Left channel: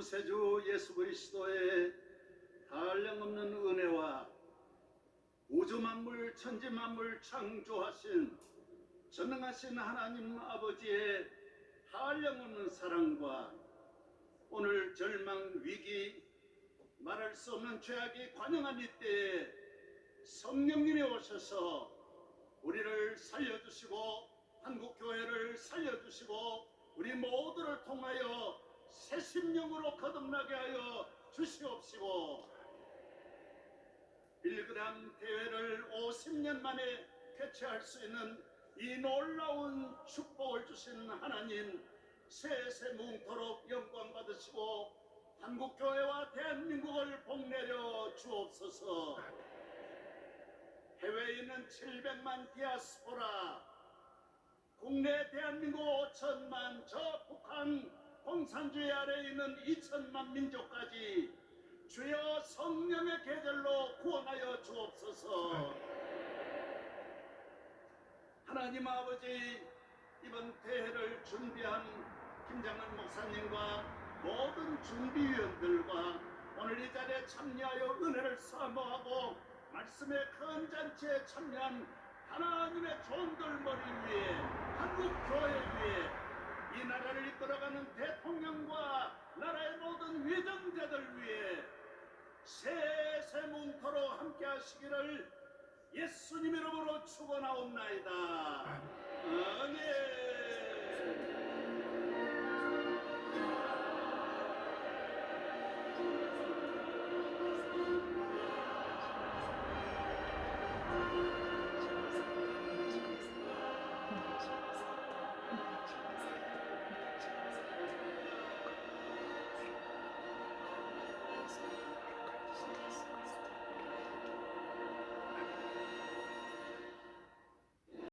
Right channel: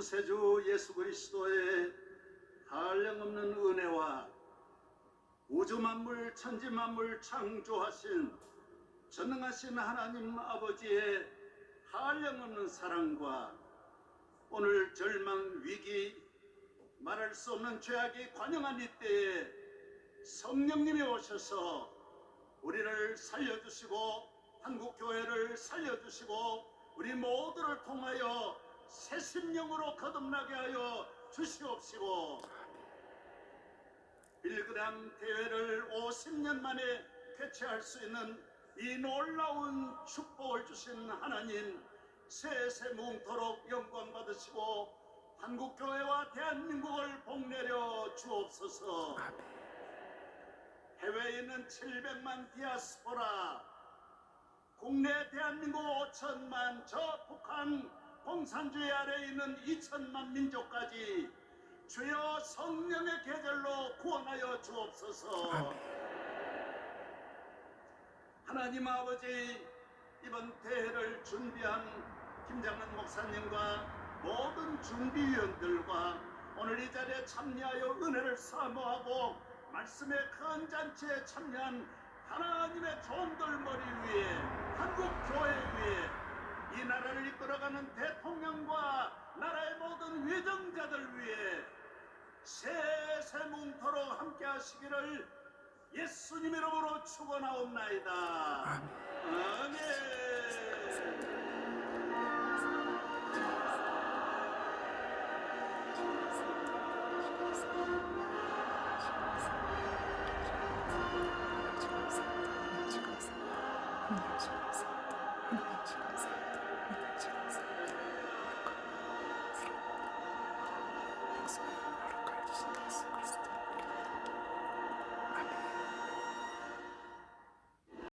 구세주 예수 그리스도의 한량없는 은혜와 우주 만물 천지 만물 창조하신 전능하신 하나님 아버지의 한량없는 사랑과 오늘 절망 위기 말할 수 없는 죄악이 관영한 이때에 성령님이 오셔서 우리를 살려주시고 한국 교회를 살려주시고 우리 모두를 통하여 새 심령으로 거듭나게 하여 주시옵시고 빌그람 대회를 50년 만에 개최할 수 있는 이 놀라운 축복을 주신 하나님 세세 뭉토록 영광 받으시고 한국 교회와 대한민국을 복내려 주옵소서. 해외에 있는 700만 디아스포라, 국내 대한민국 5천만, 저 북한 공산주의 아래에 있는 2천만 민족까지 주여 성령의 계절로 구원하여 주옵소서. 하나님 아버지 이번 대회를 준비한 김장문 목사님과 모든 준비위원들과 오늘 이 자리에 참여하여 은혜를 사모하고 말씀의 큰 잔치에 참여한 하나님의 종들 머리 위에 한국 교회 위에 이 나라를 이끌어가는 대통령과 나라의 위정자들 위에 세세 뭉토록 함께 하시기를 예수님 이름으로 축원하옵나이다.